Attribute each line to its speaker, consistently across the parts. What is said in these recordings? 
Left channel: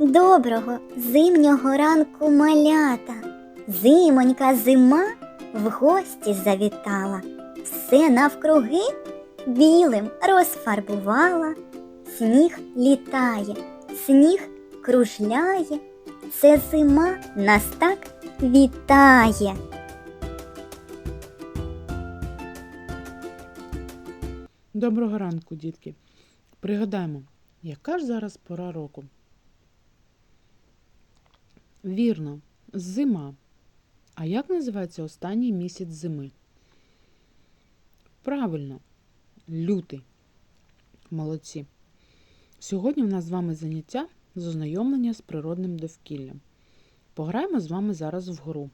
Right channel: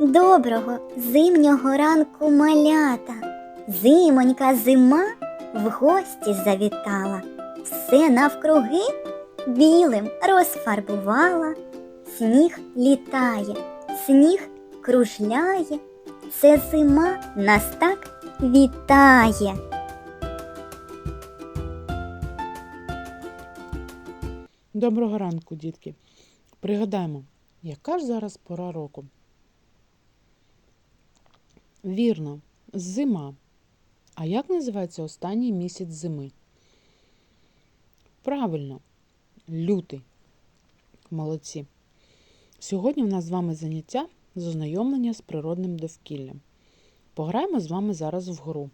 Speaker 1: Доброго зимнього ранку малята. Зимонька зима в гості завітала, все навкруги білим розфарбувала. Сніг літає, сніг кружляє, це зима нас так вітає.
Speaker 2: Доброго ранку, дітки. Пригадаємо, яка ж зараз пора року? Вірно, зима. А як називається останній місяць зими? Правильно, лютий. Молодці. Сьогодні у нас з вами заняття з ознайомлення з природним довкіллям. Пограємо з вами зараз в гру.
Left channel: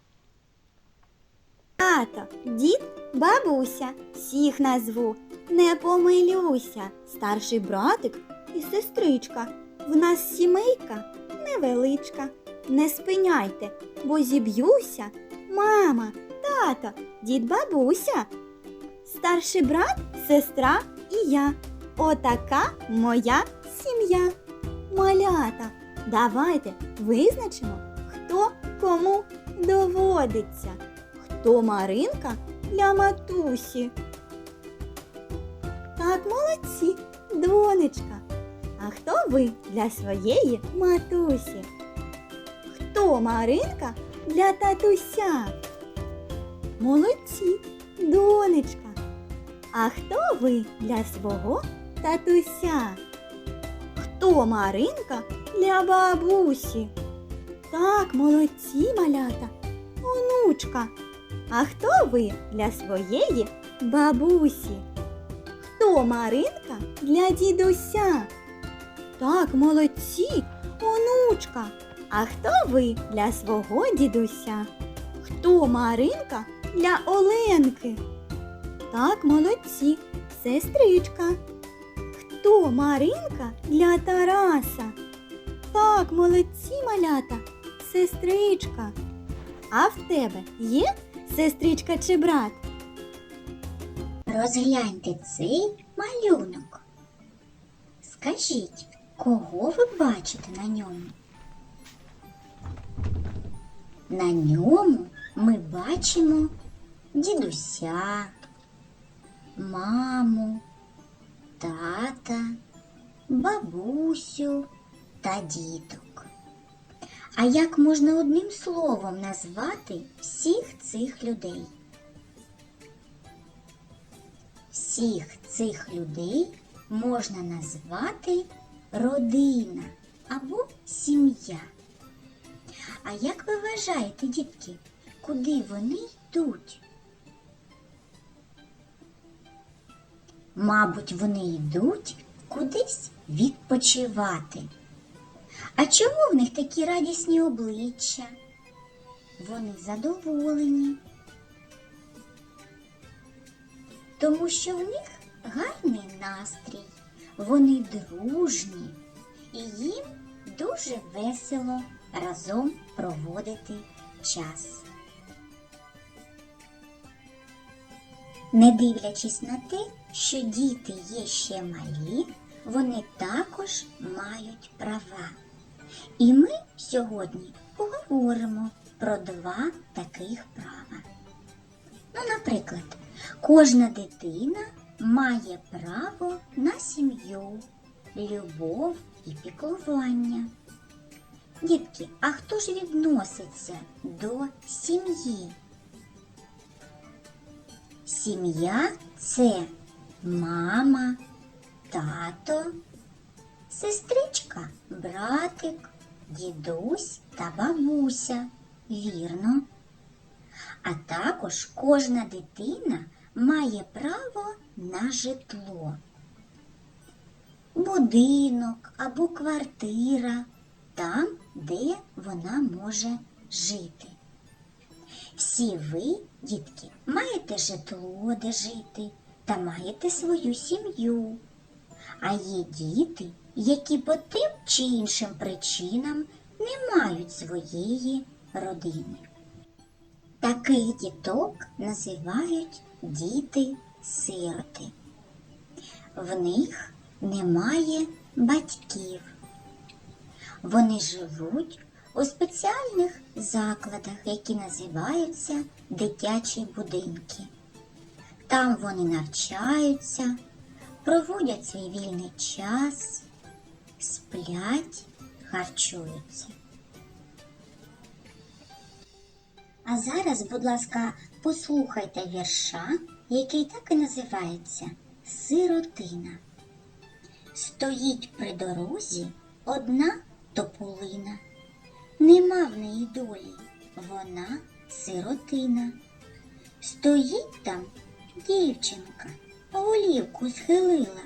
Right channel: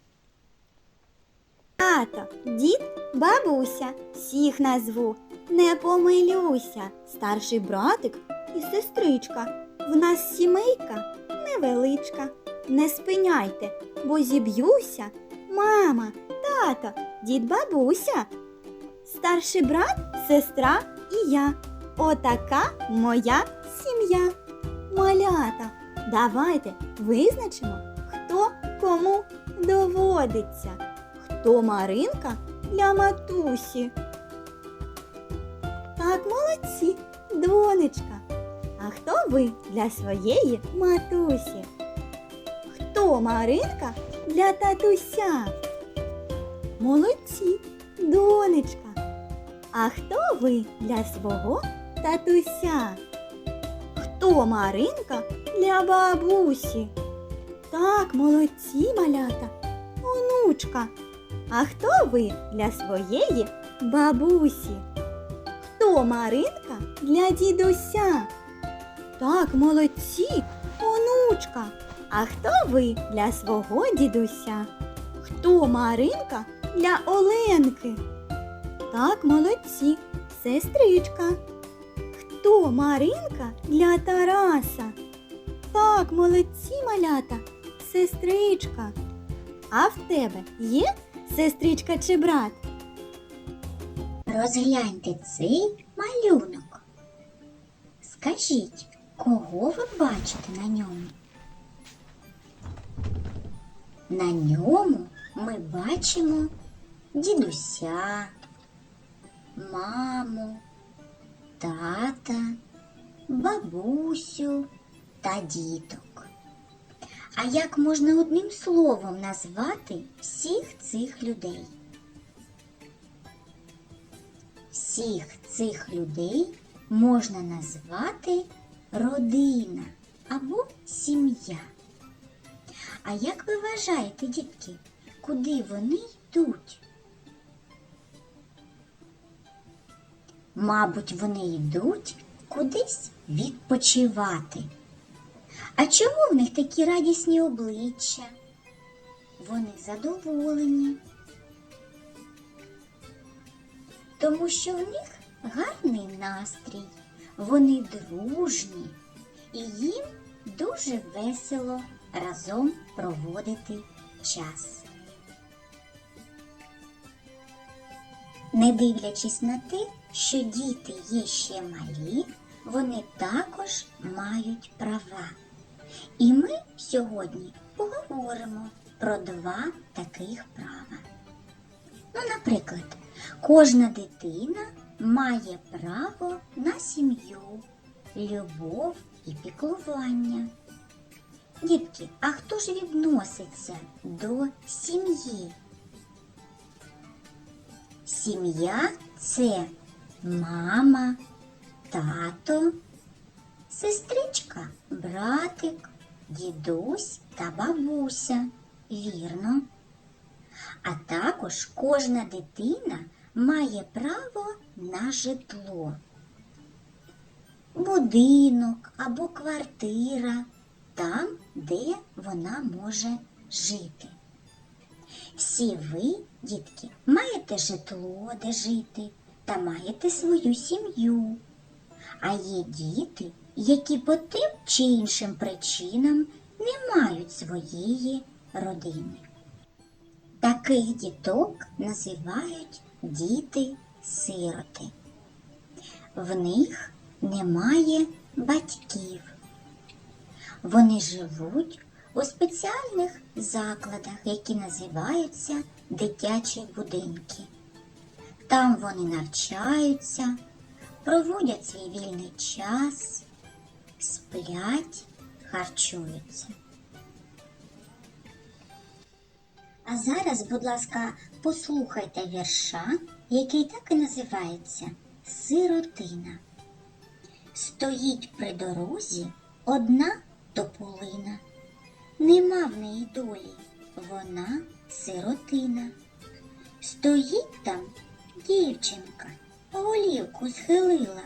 Speaker 1: Тато, дід, бабуся, всіх назву, не помилюся. Старший братик і сестричка. В нас сімейка невеличка. Не спиняйте, бо зіб'юся. Мама, тато, дід, бабуся. Старший брат, сестра і я. Отака моя сім'я. Малята, давайте визначимо, хто кому доводиться. Хто Маринка для матусі? Так, молодці, донечка. А хто ви для своєї матусі? Хто Маринка для татуся? Молодці, донечка. А хто ви для свого татуся? Хто Маринка для бабусі? Так, молодці, малята, онучка. А хто ви для своєї бабусі? Хто Маринка для дідуся? Так, молодці, онучка. А хто ви для свого дідуся? Хто Маринка для Оленки? Так, молодці, сестричка. Хто Маринка для Тараса? Так, молодці, малята, сестричка. А в тебе є сестричка чи брат?
Speaker 3: Розгляньте цей малюнок. Скажіть, кого ви бачите на ньому? На ньому ми бачимо дідуся, маму, тата, бабусю та діток. А як можна одним словом назвати всіх цих людей? Всіх цих людей можна назвати родина або сім'я. А як ви вважаєте, дітки, куди вони йдуть? Мабуть, вони йдуть кудись відпочивати. А чому в них такі радісні обличчя? Вони задоволені. Тому що в них гарний настрій, вони дружні і їм дуже весело разом проводити час. Не дивлячись на те, що діти є ще малі, вони також мають права. І ми сьогодні поговоримо про два таких права. Ну, наприклад, кожна дитина має право на сім'ю, любов і піклування. Дітки, а хто ж відноситься до сім'ї? Сім'я це мама, тато, сестричка, братик, дідусь та бабуся. Вірно. А також кожна дитина має право на житло. Будинок або квартира там, де вона може жити. Всі ви, дітки, маєте житло, де жити, та маєте свою сім'ю. А є діти, які по тим чи іншим причинам не мають своєї родини. Таких діток називають діти-сироти. В них немає батьків. Вони живуть у спеціальних закладах, які називаються дитячі будинки. Там вони навчаються, проводять свій вільний час, сплять, харчуються. А зараз, будь ласка, послухайте вірша, який так і називається Сиротина. Стоїть при дорозі одна тополина. Нема в неї долі, вона сиротина. Стоїть там дівчинка, голівку схилила,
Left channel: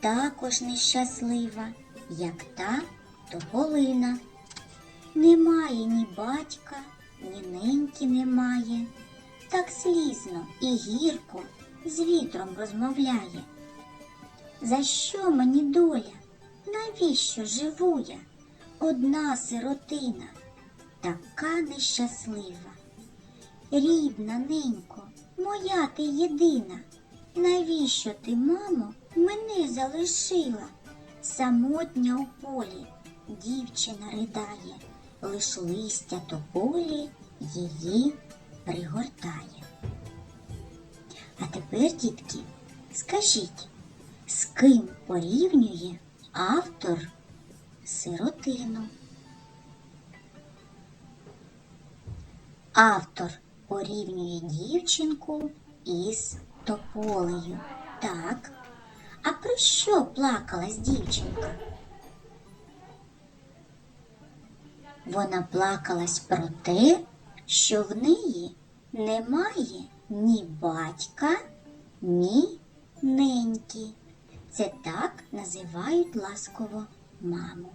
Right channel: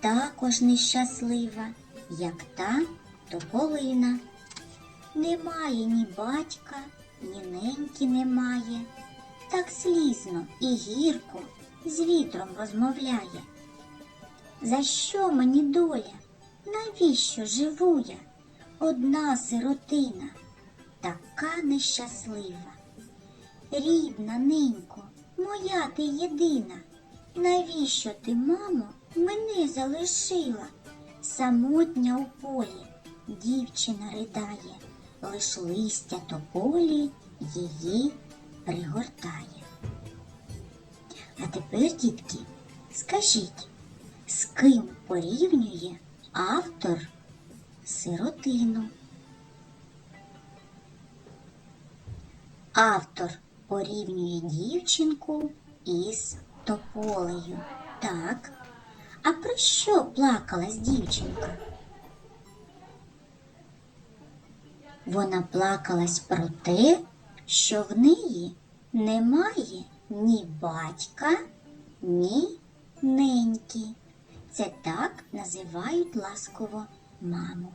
Speaker 3: також нещаслива, як та тополина. Немає ні батька, ні неньки немає. Так слізно і гірко з вітром розмовляє. За що мені доля? Навіщо живу я? Одна сиротина, така нещаслива. Рідна ненько, моя ти єдина. Навіщо ти, мамо, мене залишила? Самотня у полі дівчина ридає, лиш листя тополі її пригортає. А тепер, дітки, скажіть, з ким порівнює автор сиротину? Автор порівнює дівчинку із тополею. Так. А про що плакалась дівчинка? Вона плакалась про те, що в неї немає ні батька, ні неньки. Це так називають ласково маму.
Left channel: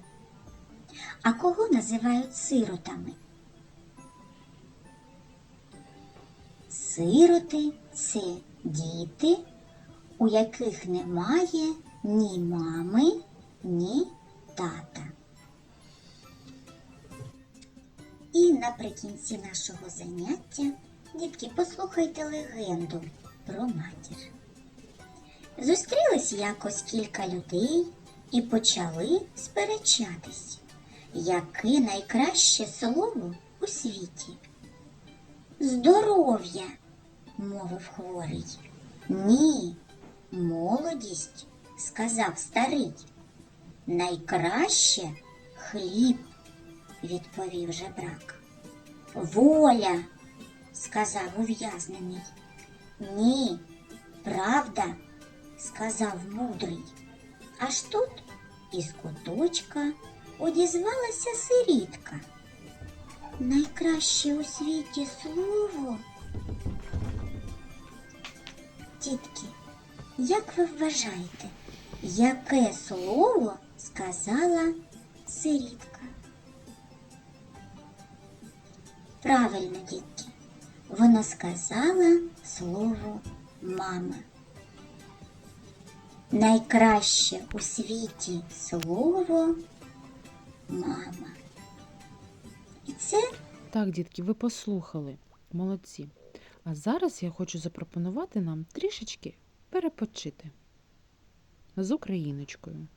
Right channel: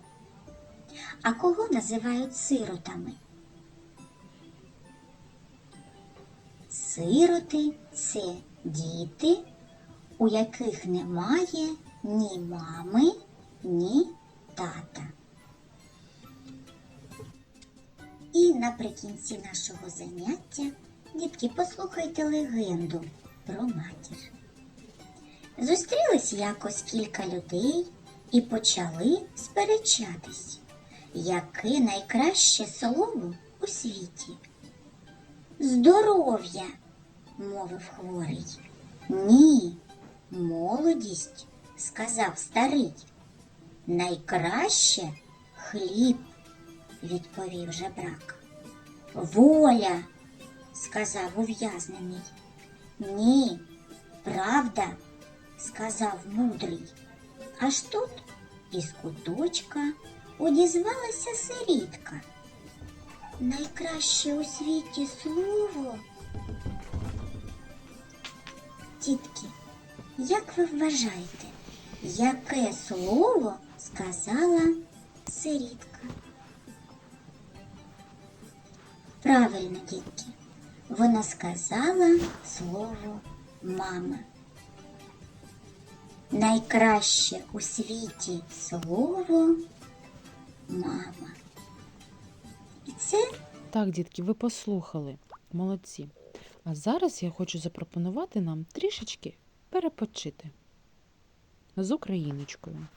Speaker 3: А кого називають сиротами? Сироти це діти, у яких немає ні мами, ні тата. І наприкінці нашого заняття, дітки, послухайте легенду про матір. Зустрілись якось кілька людей і почали сперечатись, яке найкраще слово у світі. Здоров'я, мовив хворий. Ні, молодість, сказав старий. Найкраще хліб, відповів жебрак. Воля, сказав ув'язнений. Ні, правда, сказав мудрий. Аж тут із куточка одізвалася сирітка. Найкраще у світі слово. Тітки, як ви вважаєте, яке слово сказала сирітка? Правильно, дітки, вона сказала слово мама. Найкраще у світі слово мама. І це
Speaker 2: Так, дітки, ви послухали. Молодці. А зараз я хочу запропонувати нам трішечки перепочити з україночкою.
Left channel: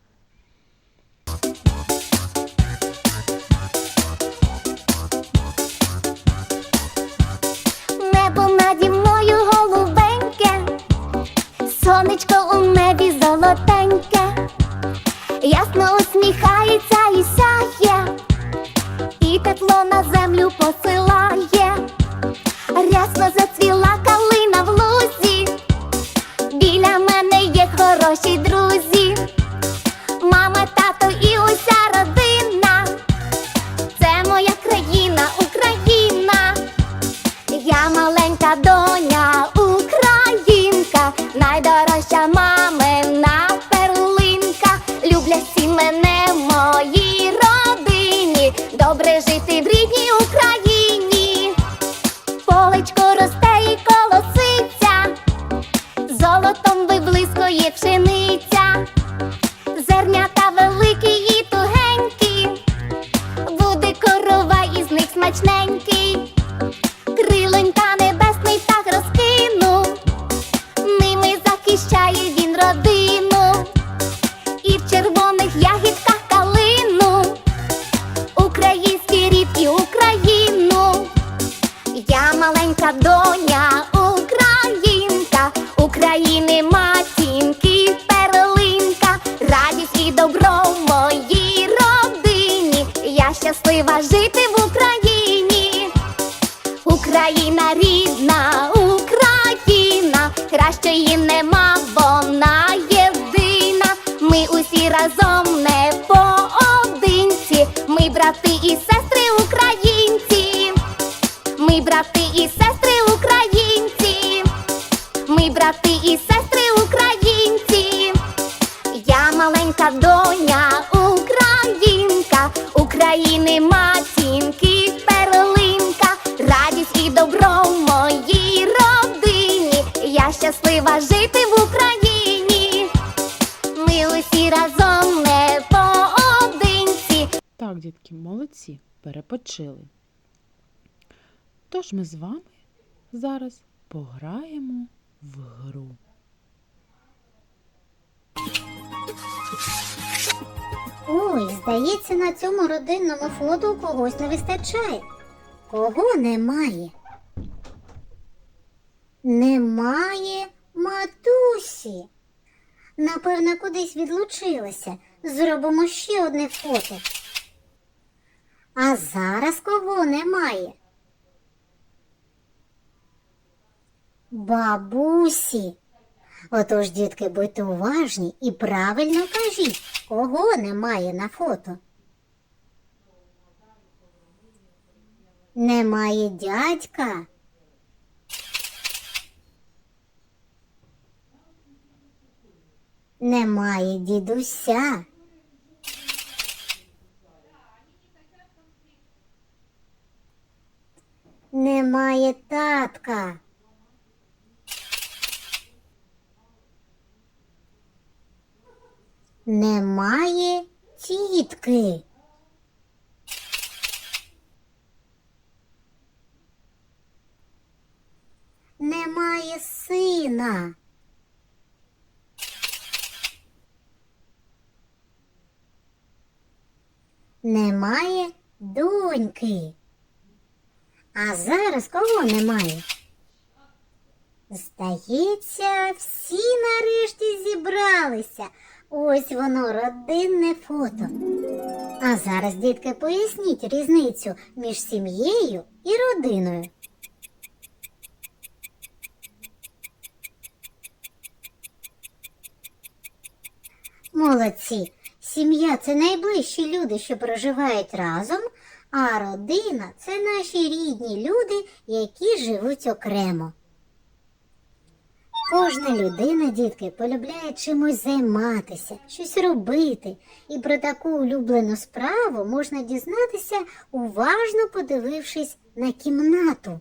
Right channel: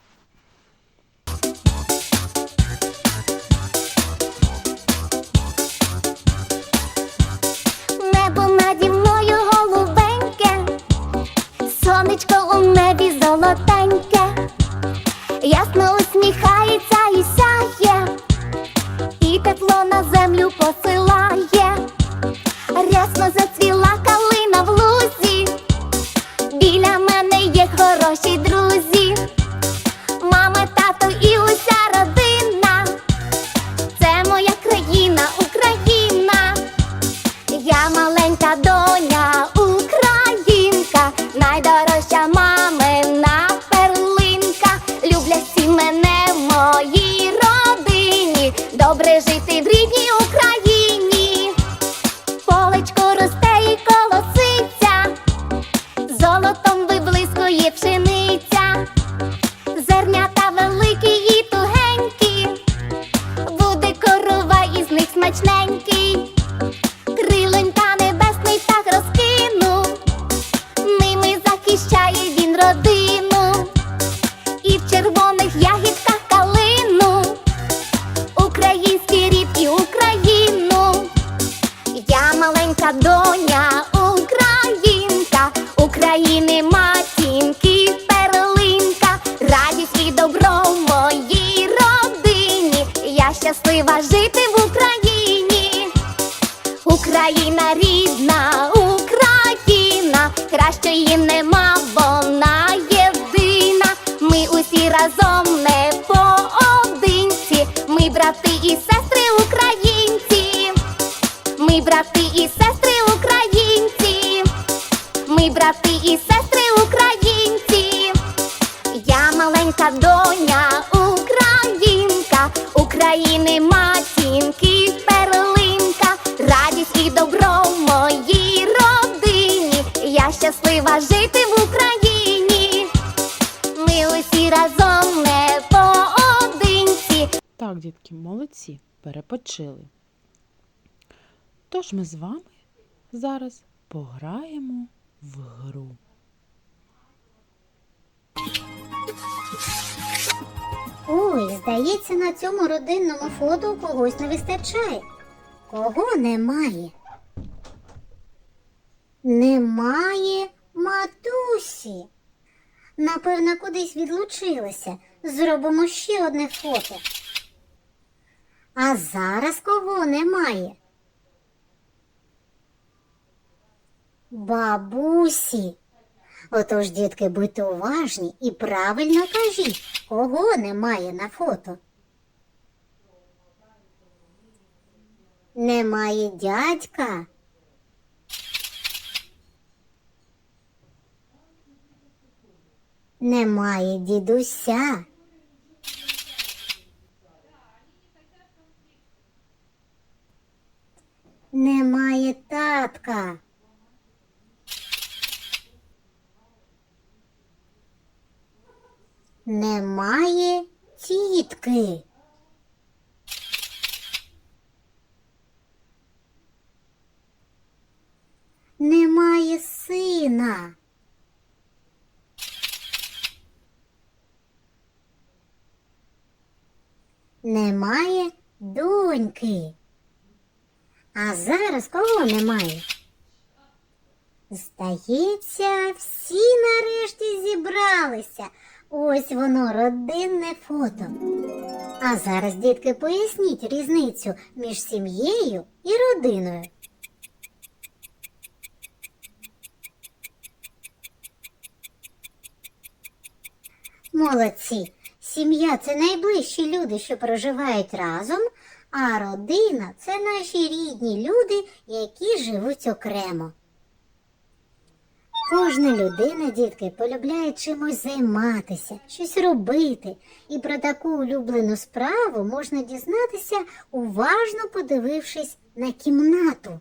Speaker 4: Найдорожча сестри українці. Я маленька доня українка, України матінки перлинка, радість і добро в моїй родині. Я щаслива жити в Україні. Ми усі разом не поодинці.
Speaker 2: Так, дітки, молодці, перепочили. Тож ми з вами зараз пограємо в гру.
Speaker 5: Ой, здається, на цьому родинному фото когось не вистачає. Кого немає? Немає матусі. Напевно, кудись відлучилася. Зробимо ще одне фото. А зараз кого немає? Бабусі. Отож, дітки, будьте уважні і правильно кажіть, кого немає на фото. Немає дядька. Немає дідуся. Немає татка. Немає тітки. Немає сина. Немає доньки. А зараз кого немає? Здається, всі нарешті зібралися. Ось воно родинне фото. А зараз, дітки, поясніть різницю між сім'єю і родиною. Молодці. Сім'я це найближчі люди, що проживають разом, а родина це наші рідні люди, які живуть окремо. Кожна людина, дітки, полюбляє чимось займатися, щось робити, і про таку улюблену справу можна дізнатися, уважно подивившись на кімнату.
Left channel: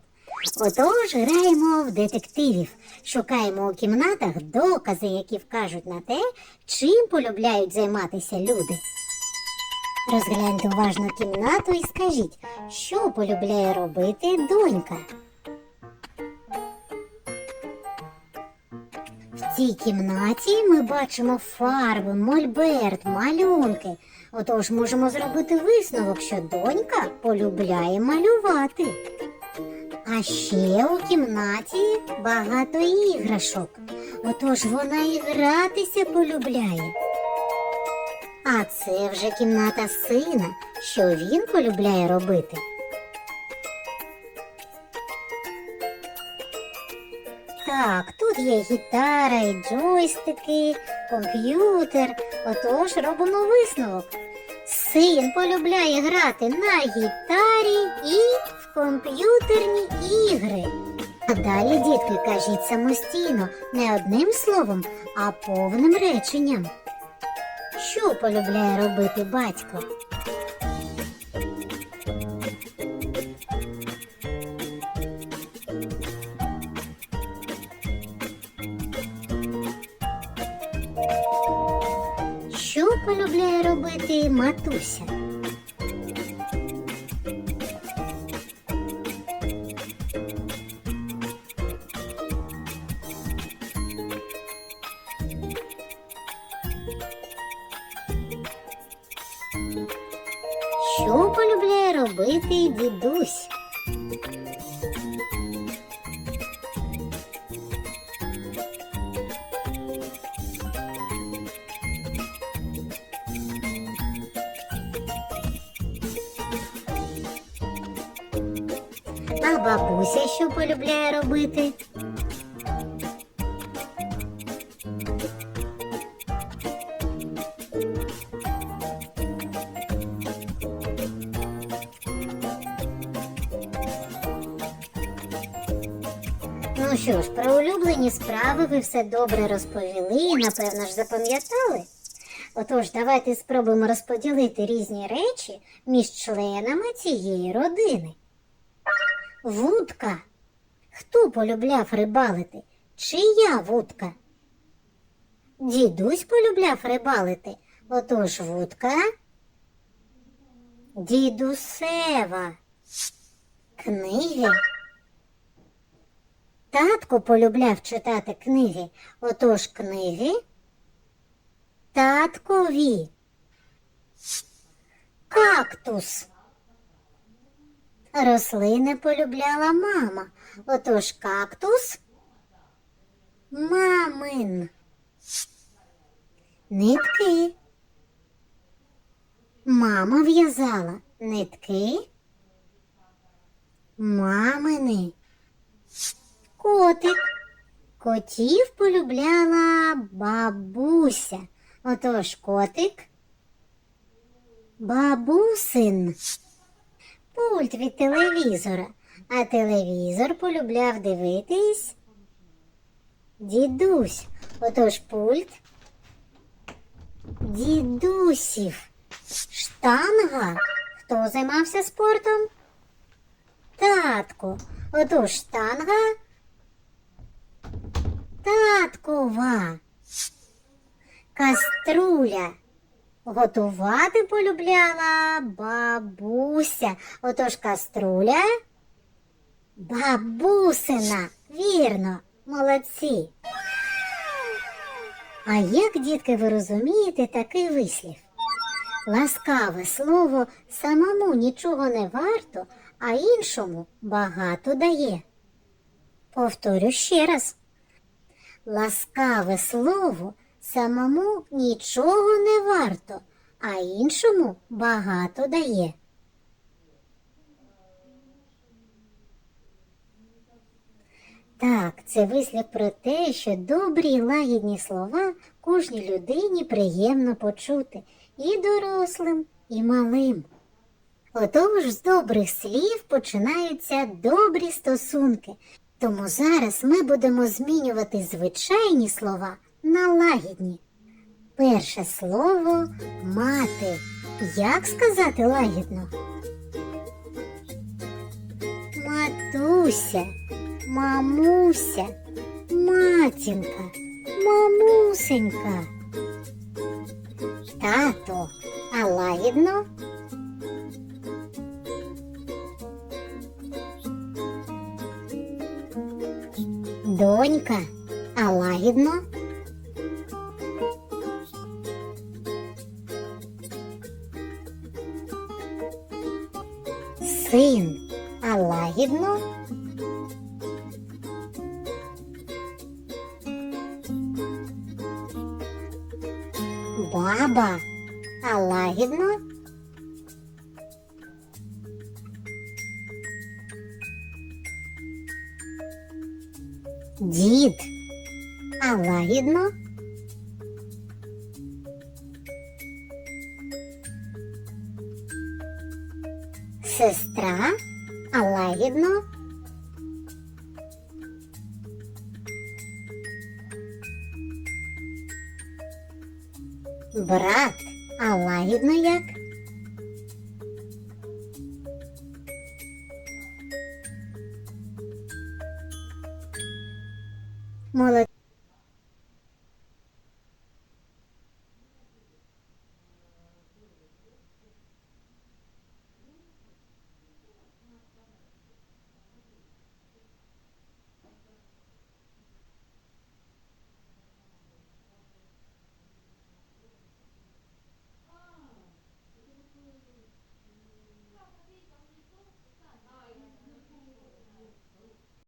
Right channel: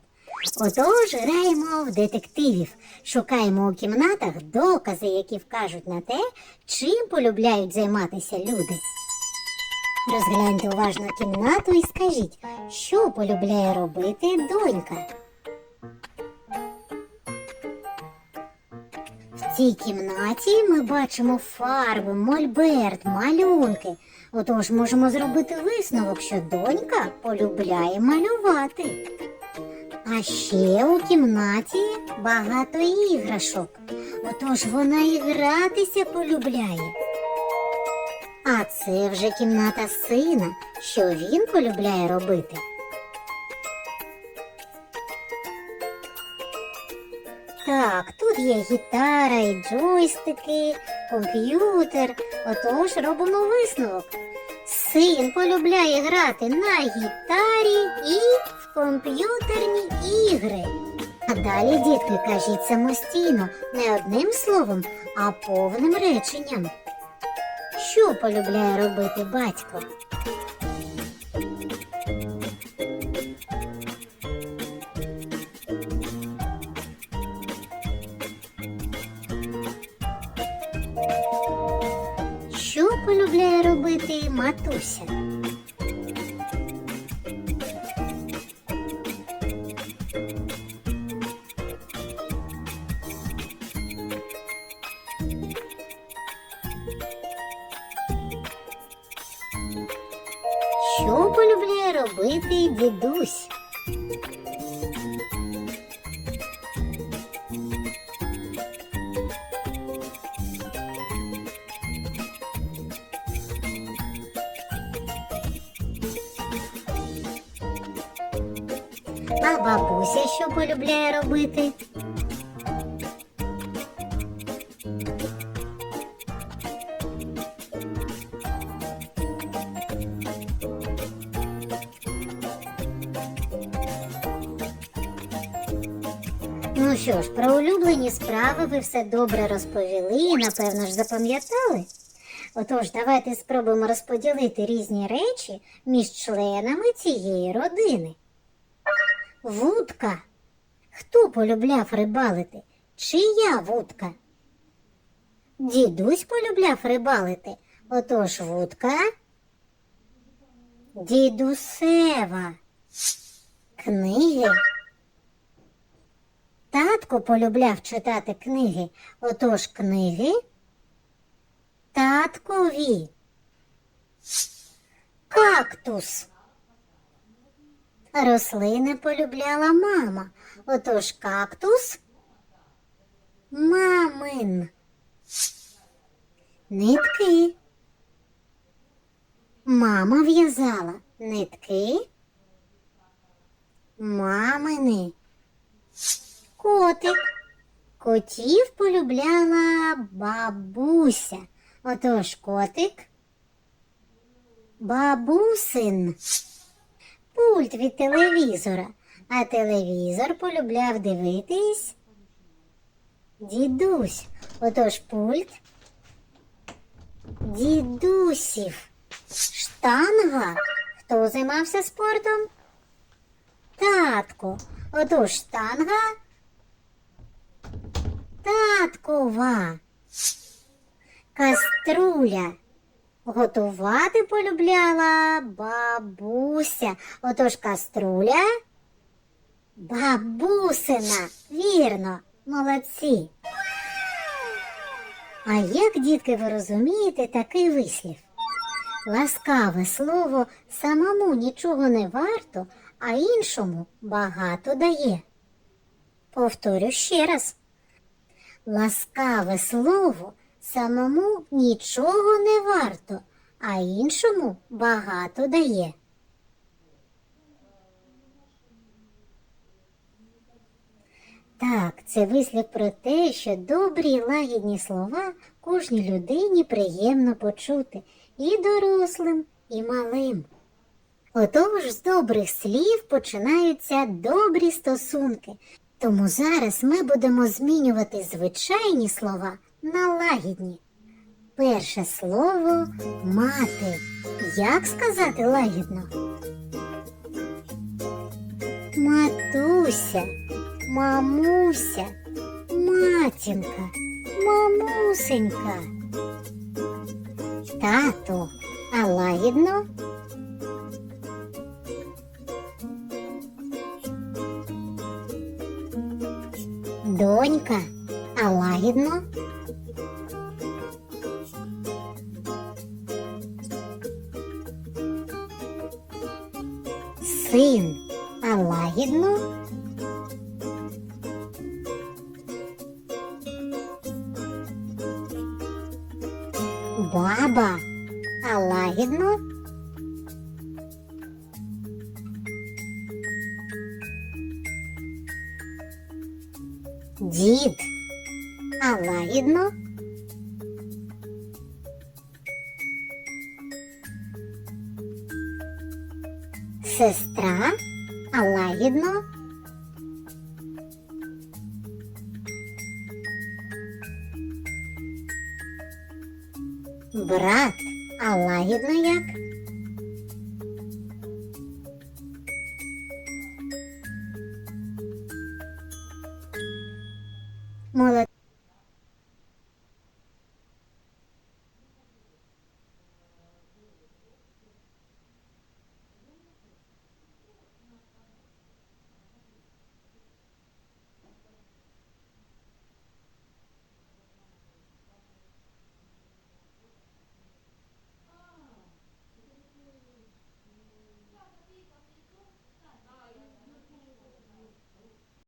Speaker 5: Отож, граємо в детективів, шукаємо у кімнатах докази, які вкажуть на те, чим полюбляють займатися люди. Розгляньте уважно кімнату і скажіть, що полюбляє робити донька. В цій кімнаті ми бачимо фарби, мольберт, малюнки. Отож можемо зробити висновок, що донька полюбляє малювати. А ще у кімнаті багато іграшок. Отож вона і гратися полюбляє. А це вже кімната сина, що він полюбляє робити. Є гітара і джойстики, комп'ютер. Отож робимо висновок. Син полюбляє грати на гітарі і в комп'ютерні ігри. А далі, дітки, кажіть самостійно, не одним словом, а повним реченням. Що полюбляє робити батько? Матуся? Що полюбляє робити дідусь? що полюбляє робити. Ну що ж, про улюблені справи ви все добре розповіли і, напевно, ж запам'ятали. Отож, давайте спробуємо розподілити різні речі між членами цієї родини. Вудка Хто полюбляв рибалити? Чия вудка? Дідусь полюбляв рибалити. Отож вудка. Дідусева. Книги. Татко полюбляв читати книги. Отож книги. Таткові. Кактус. Рослини полюбляла мама. Отож кактус. Мамин. Нитки. Мама в'язала нитки. Мамини. Котик. Котів полюбляла бабуся. Отож котик. Бабусин. Пульт від телевізора. А телевізор полюбляв дивитись. Дідусь. Отож пульт. Дідусів. Штанга. Хто займався спортом? Татко. Отож штанга. Таткова. Каструля. Готувати полюбляла бабуся. Отож каструля. Бабусина. Вірно, молодці. А як, дітки, ви розумієте такий вислів? Ласкаве слово самому нічого не варто, а іншому багато дає. Повторю ще раз. Ласкаве слово самому нічого не варто, а іншому багато дає. Так, це вислів про те, що добрі лагідні слова кожній людині приємно почути і дорослим, і малим. Отож з добрих слів починаються добрі стосунки. Тому зараз ми будемо змінювати звичайні слова на лагідні. Перше слово мати. Як сказати лагідно? Матуся, мамуся, матінка, мамусенька. Тато, а лагідно? Донька, а лагідно? Баба, а лагідно? А лагідно як? Молодці.